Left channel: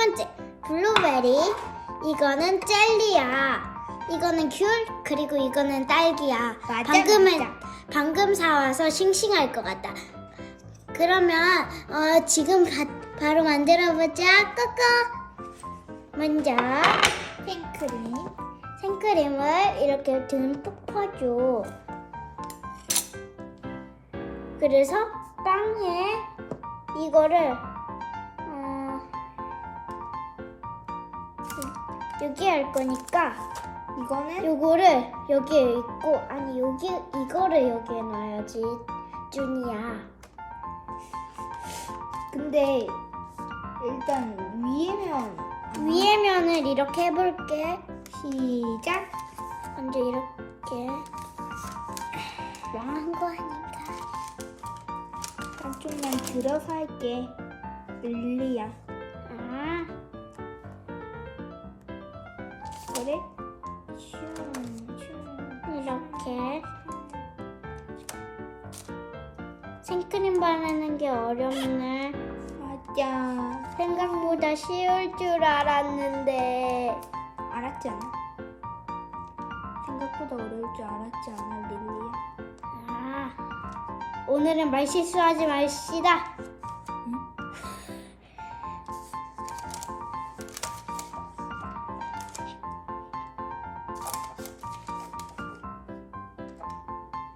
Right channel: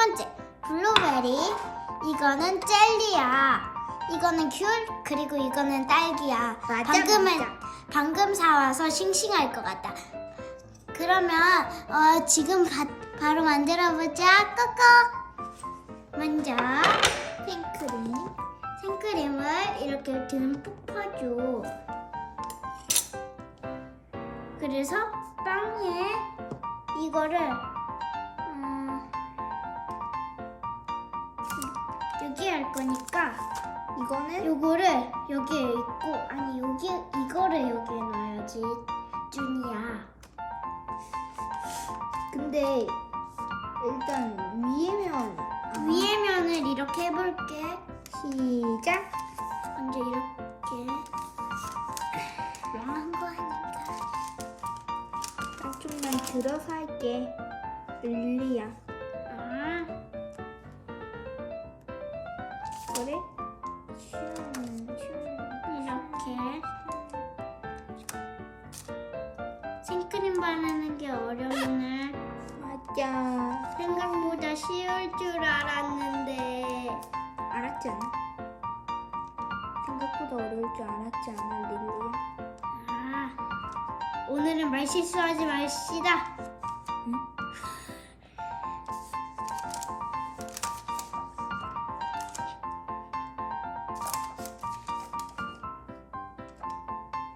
번째 블루베리 이거는 젤리야. 이거는 귤 그리고 이거는 딸기야. 맞아, 방금은 맞아. 방금 사와서 싱싱할 것 같다. 그러면 어, 지금 바, 바로 만들어 보자. 꼬꼬. 먼저 생크림. 생크림을 이렇게 듬뿍 퍼줘. 그래서 빵에 이거를 여기 할 거니까 이거는 요거를 여기에 있고 아니 여기 이거를 여기에 넣어야지 준이야. 근데 일단 위에 면 아, 위에 면을 이렇게 해볼게. 시작. 먼저 이렇게 망한 거 아닌가? 난 좀만 들어서 할게. 릴리야. 쉬울 줄 알았는데. 알았지 않아? 생각보다 어려울 줄 알았지 않아, 릴리야? 아, 오늘은 말 실수하지 맙시다. 응?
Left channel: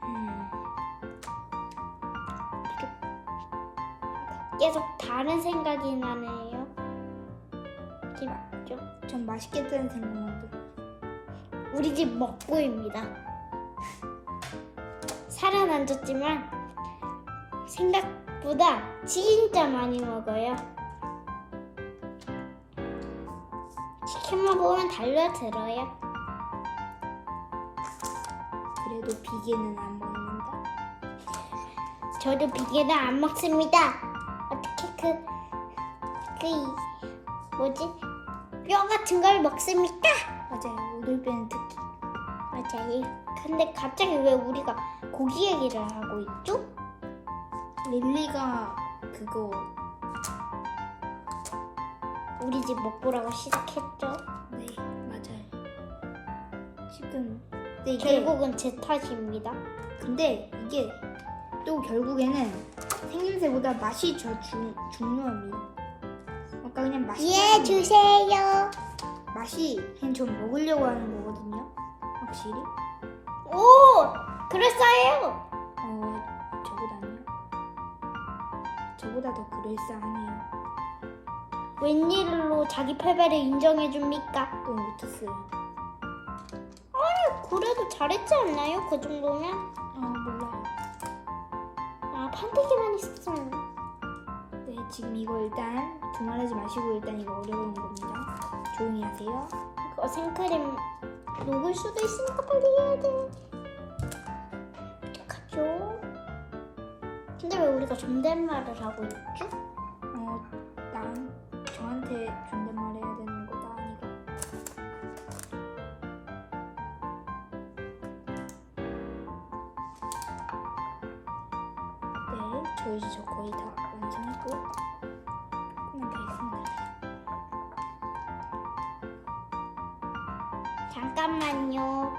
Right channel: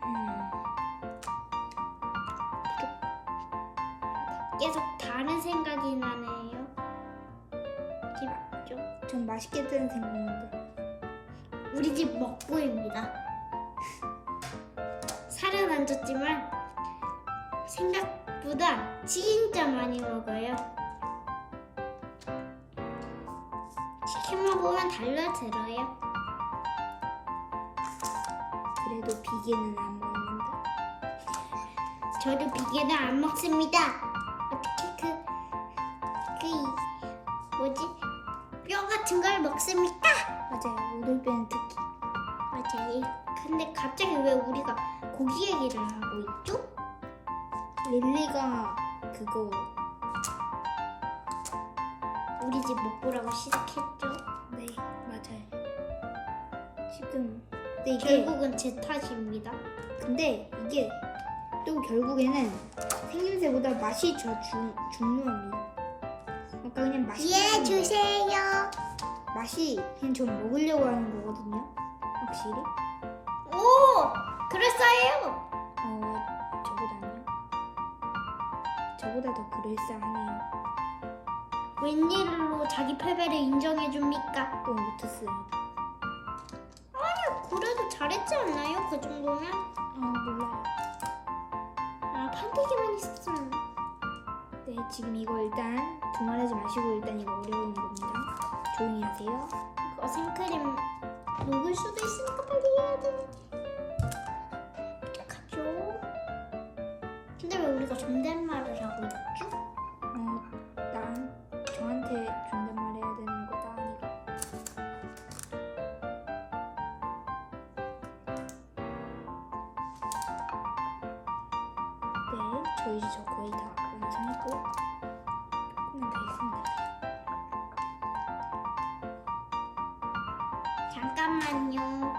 음, 계속 다른 생각이. 집중. 전 맛있겠다는 생각만 들어. 우리 집 먹보입니다. 살은 안 쪘지만 생각보다 진짜 많이 먹어요. 치킨 먹으면 달려들어요. 그래도 비계는 안 먹는다. 저도 비계는 안 먹습니다. 어떻게 그, 그, 이- 뭐지? 뼈 같은 걸 먹습니까? 맞아요, 오돌뼈는 특히. 맞아요. 근데 갑자기 왜 우리가 고기 얘기를 하고 있죠? 릴리가 그거 우리 집 먹보라고 시작했죠. 네 맞아요. 지금 근데 이게 결국은 제 탓입니다. 근데 이게 또 결국에는 생김새보다 맛이 더 중, 중요합니다. 아까 그냥 맛이 예, 주세요. 맛이 그냥 좀 먹으려고 하는 거거든요. 확실히. 오, 그랬어요. 어 저보다는요. 저보다 더 그럴싸하네요. 웬일로 자기 패배를 인정해 줍니까? 또 못했어요. 그래도 잘했지 않나요? 그 정도면? 어 몰라요. 아, 판때기만 있었어요. 네 지금 이거 일단 두말하지 마시고 일단 이거 어려운 겁니다. 조용히 하세요. 그거 생크림 녹을 수도 있으니까 빨리 해야 돼. 어떡하죠? 근데 왜 우리가 존댓말을 하고 있죠? 어, 난 저한테 존댓말 해야 되는 거다, 아니가. 네, 저 이제 저 거의 다 조금만 더 있으면 돼요. 잠깐만요.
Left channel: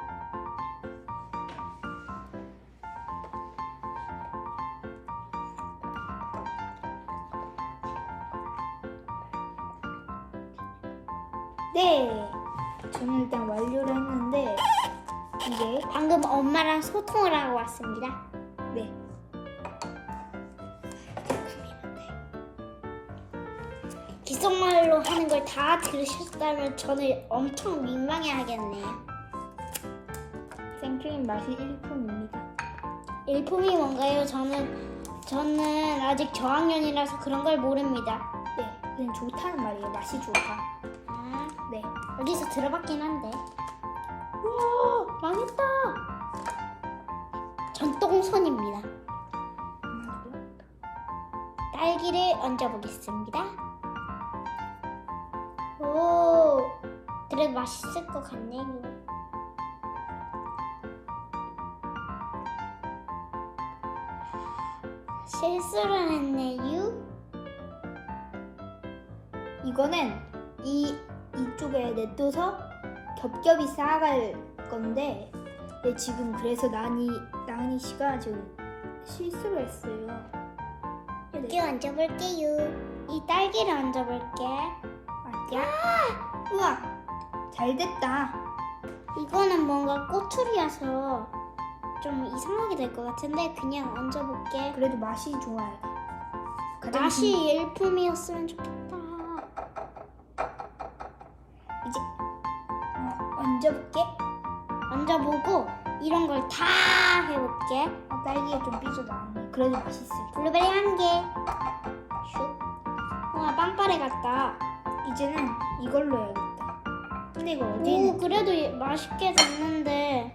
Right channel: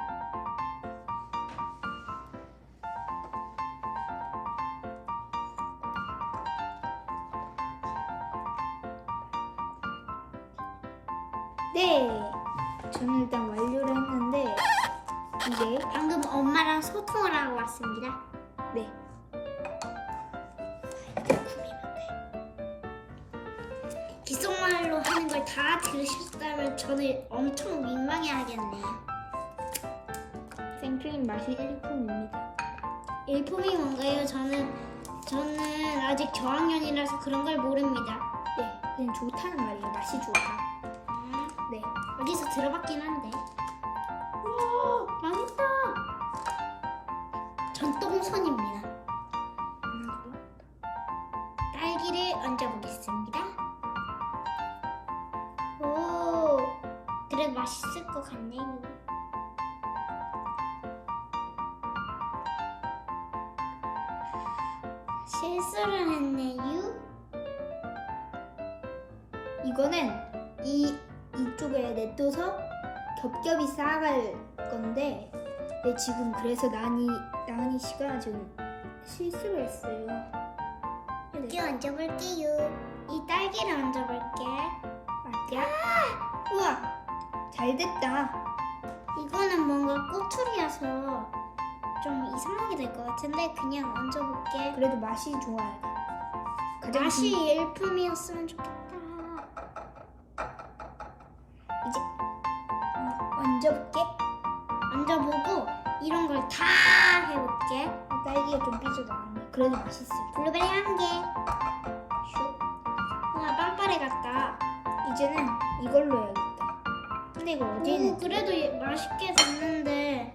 네, 저는 일단 완료를 했는데 이게 방금 엄마랑 소통을 하고 왔습니다. 하는 걸 다 들으셨다면 저는 엄청 민망해 하겠네요. 생크림 맛이 일품입니다. 일품이 뭔가요? 저는 저는 아직 저학년이라서 그런 걸 모릅니다. 네, 그냥 좋다는 말이에요. 맛이 좋다. 아, 네, 어디서 들어봤긴 한데. 우와, 망했다. 전 똥손입니다. 하나고요. 딸기를 얹어보겠습니다. 그래도 맛있을 것 같네요. 실수를 했네요. 이거는 이 이쪽에 냅둬서 겹겹이 쌓아갈 건데 네, 지금 그래서 나은이 나은이 씨가 지금 실수를 했어요. 여기 얹어볼게요. 이 딸기를 얹어볼게. 맞야? 우와 잘 됐다. 이거는 뭔가 꼬투리여서 좀 이상하게 될 것 같은데 그냥 얹어볼게. 그래도 맛이 좋아야 돼. 가장 맛이 중- 일품이었으면 좋겠다. 이제 어, 얹어볼게. 얹어보고 이런 걸 다 해볼게. 어, 딸기가 좀 삐져 나왔네. 그래도 맛있어. 블루베리 한 개. 슉. 와 빵빠레 같다. 이제는 이걸로 해야겠다. 근데 이거 어디 오 그래도 얘 맛있게 됐는데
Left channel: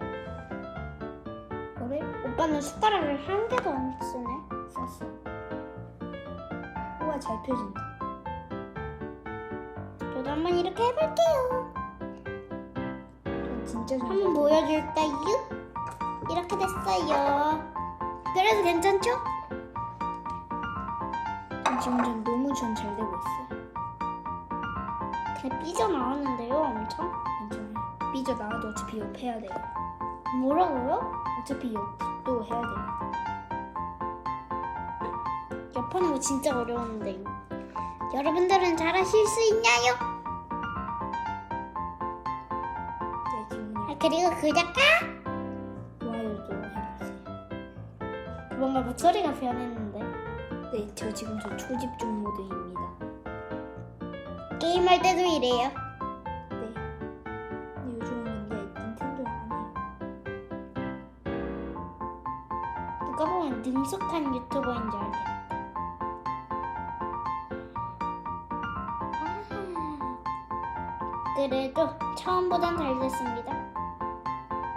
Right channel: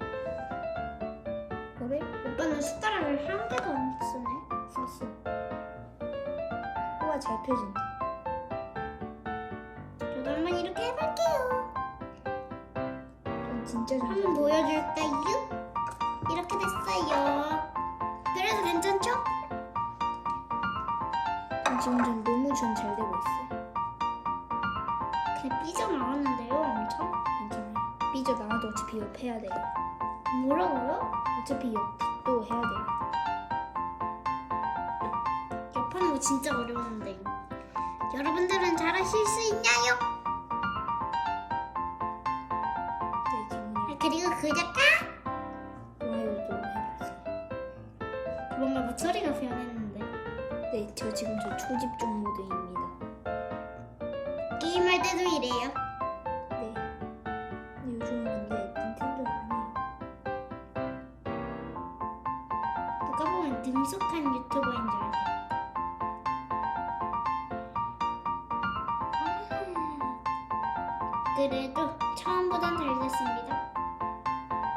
거를 오빠는 숟가락을 한 개도 안 쓰네. 썼어. 우와 잘 펴진다. 저도 한번 이렇게 해볼게요. 전 진짜 잘 한번. 보여줄까요? 이렇게 됐어요. 그래도 괜찮죠? 지금 전 너무 전 잘 되고 있어요. 그래 삐져나왔는데요 엄청? 괜찮아요. 삐져 나와도 어차피 옆 해야 돼요. 뭐라고요? 어차피 옆도 해야 돼요. 옆하는 거 진짜 어려운데 여러분들은 잘하실 수 있나요? 네 지금 아, 그냥 그리고 구독과 좋아요도 해주세요. 뭔가 목소리가 변했는데 네, 저 지금 저 초집중 모드입니다. 게임할 때도 이래요. 네. 근데 요즘은 근데 닌텐도 안 해요. 누가 보면 능숙한 유튜버인 줄 알겠다 아, 그래도 처음보단 잘 됐습니다.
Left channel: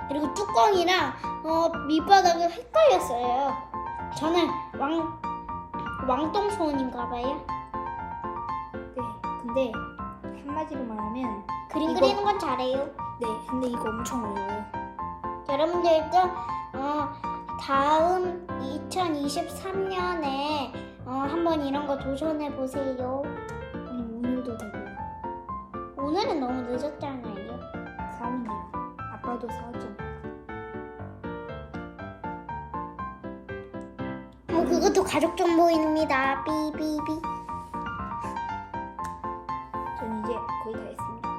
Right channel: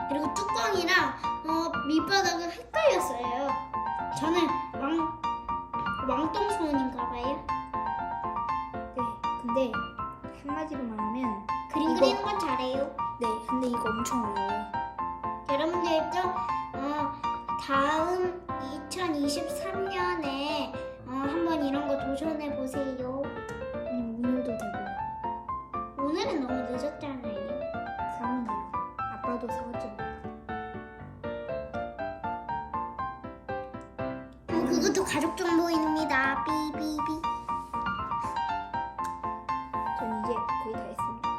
그리고 뚜껑이랑 어, 밑바닥을 헷갈렸어요. 저는 왕 왕똥손인가 봐요. 네, 근데 한마디로 말하면 그림 이거- 그리는 건 잘해요 네, 근데 이거 엄청 어려워요. 여러분들도 어, 다음 2023년에 어, 한번 이런 거 도전해 보세요. 아니 오늘도 되고요. 오늘은 너무 늦었잖아요. 사오면 돼요. 아빠도 사왔죠. 어, 그것도 가족 정보입니다. 삐삐삐. 전 이제 거의 다 했습니다.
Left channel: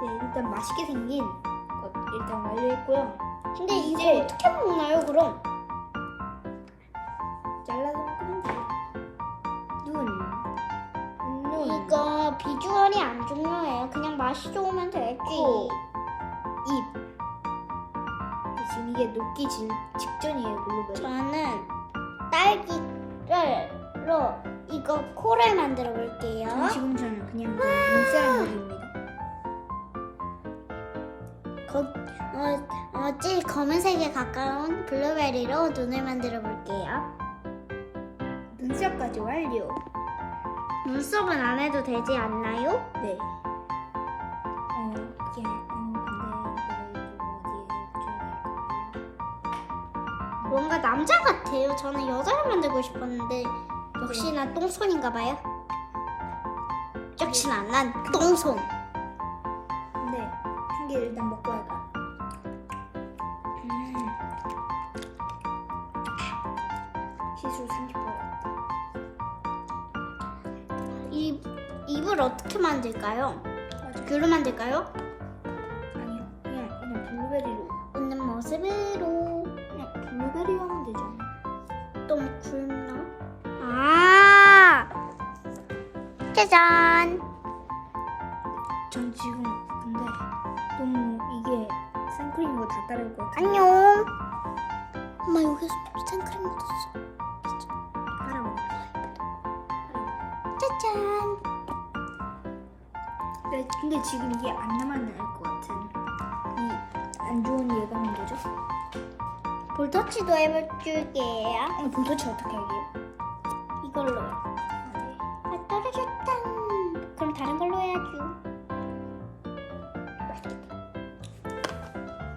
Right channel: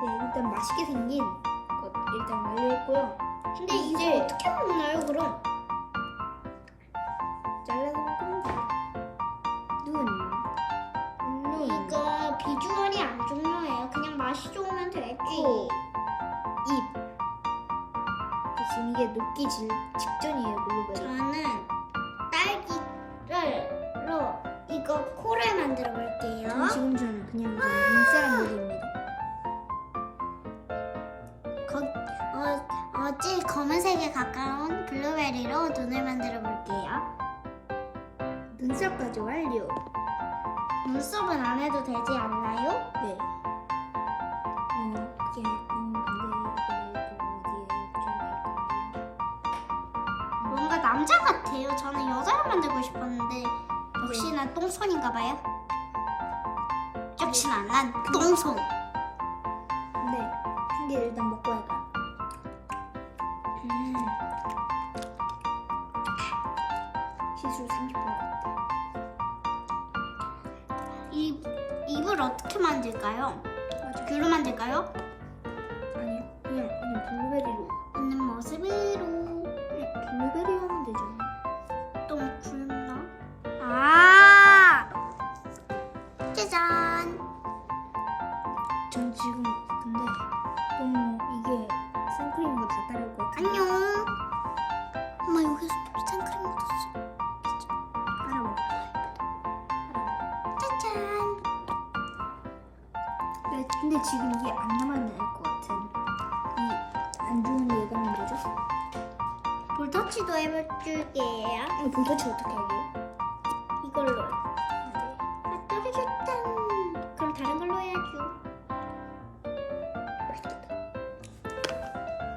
네, 일단 맛있게 생긴 것 일단 완료했고요. 근데 이제- 이거 어떻게 먹나요, 그럼? 잘라서 먹으면 돼요. 눈, 눈, 이거 비주얼이 안 중요해요. 그냥 맛이 좋으면 되지. 코, 입. 근데 지금 이게 녹기 질, 직전이에요, 블루베리. 저는 딸기로 이거 코를 만들어 볼게요. 전 지금 저는 그냥 이거 눈사람 녹입니다. 거, 어, 어, 제일 검은색에 가까운 블루베리로 눈을 만들어 볼게요. 눈썹까지 완료. 눈썹은 안 해도 되지 않나요? 네. 어, 이게, 음, 근데 이거를 또 어디에 붙여야 될까요? 뭔가 남자 같아요. 저는 여자를 만들고 싶었는데 역시나 똥손인가 봐요. 역시나 난 똥손. 근데 한 개 일단 먹고 할까? 음. 시술 30분 했다. 이 입을 어떻게 만들까요? 맞아. 귤로 만들까요? 아니요. 그냥 그냥 블루베리로. 웃는 모습으로 그냥 블루베리 하면 되잖아. 좀 굵나? 아 짜잔. 전 지금 근데 너무 이게 생크림과 다 따를 것 같아. 안녕. 엄마 여기서 생크림 묻었어. 따라 먹어. 짜잔. 네, 근데 지금 이게 안 남아날 것 같은 이 안 좋은 예감은 뭐죠? 볼터치도 해볼게요. 어, 볼터치 어떻게 하게요? 이걸로요. 아, 떨어졌다. 그럼 다른 걸로 해야지. 맛있겠다.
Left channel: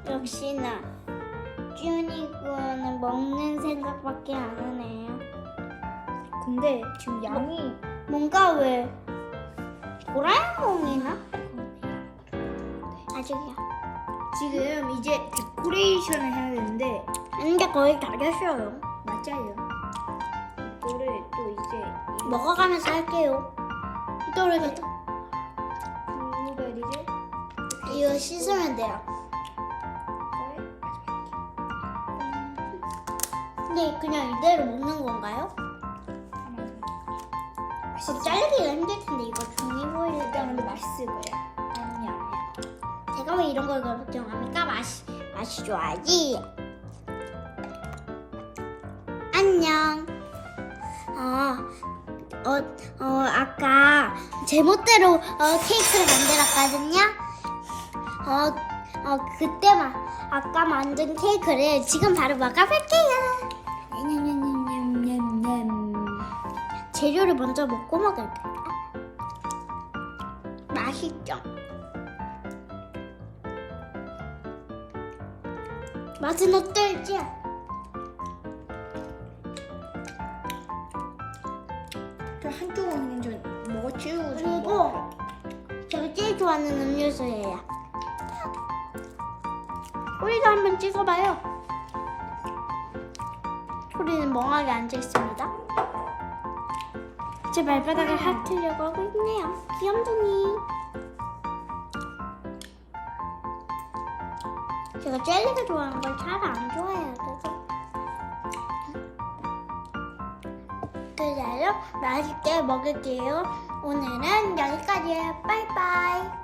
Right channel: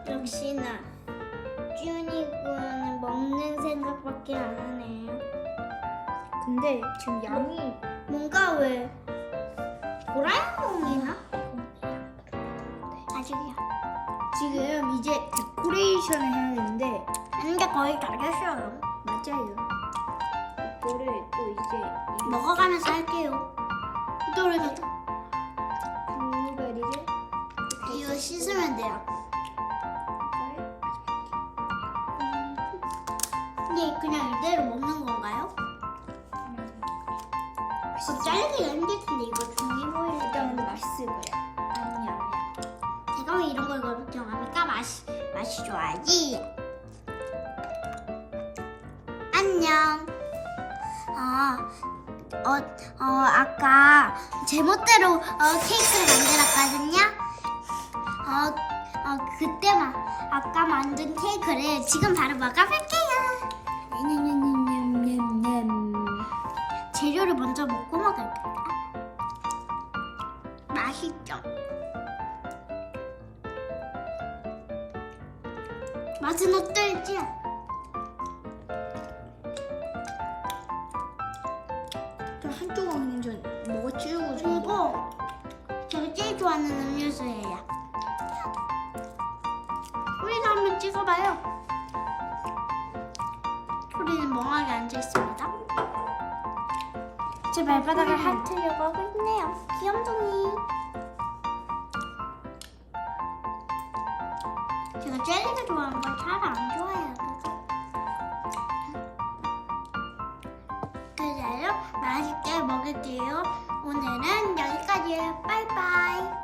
역시나 쭈니구는 먹는 생각밖에 안 하네요. 근데 지금 양이 뭔가 왜 도라에몽이나? 아직이야. 지금 이제 데코레이션을 해야 되는데 이제 거의 다 됐어요. 맞아요. 이거를 또 이제 이 먹어가면서 할게요. 또우리가 블루베리를 이거 씻으면 돼요. 이거를 근데 그냥 이대로 먹는 건가요? 마지막에 어, 자르기가 힘들 텐데 이거 종이보이를 일단 근데 맛있을 거야. 아니야 아니야. 제가 왜 이런 걸 걱정합니까? 맛이 맛이 좋아야지. 안녕. 제멋대로 어, 케이크를 만들었거든요. 어, 어, 그때 만 아까 만든 케이크를 지금 바로 먹어볼게요. 냠냠냠냠냠. 재료를 먼저 먹고 먹을까요? 맛있죠? 맛은 어떨지? 한쪽은 그냥 좀 먹어 치우고 좀 먹어. 그리고 제가 제일 좋아하는 음료수예요. 우리도 한번 찍어봐요. 우리는 멍하게 앉아 있습니다. 제 발바닥을 핥으려고 하고 있네요. 귀염둥이. 제가 젤리가 좋아하는 걸 잘 안 좋아해요. 그래서. 그래요. 맛있게 먹을게요. 오늘은 여기까지예요. 빠이빠이.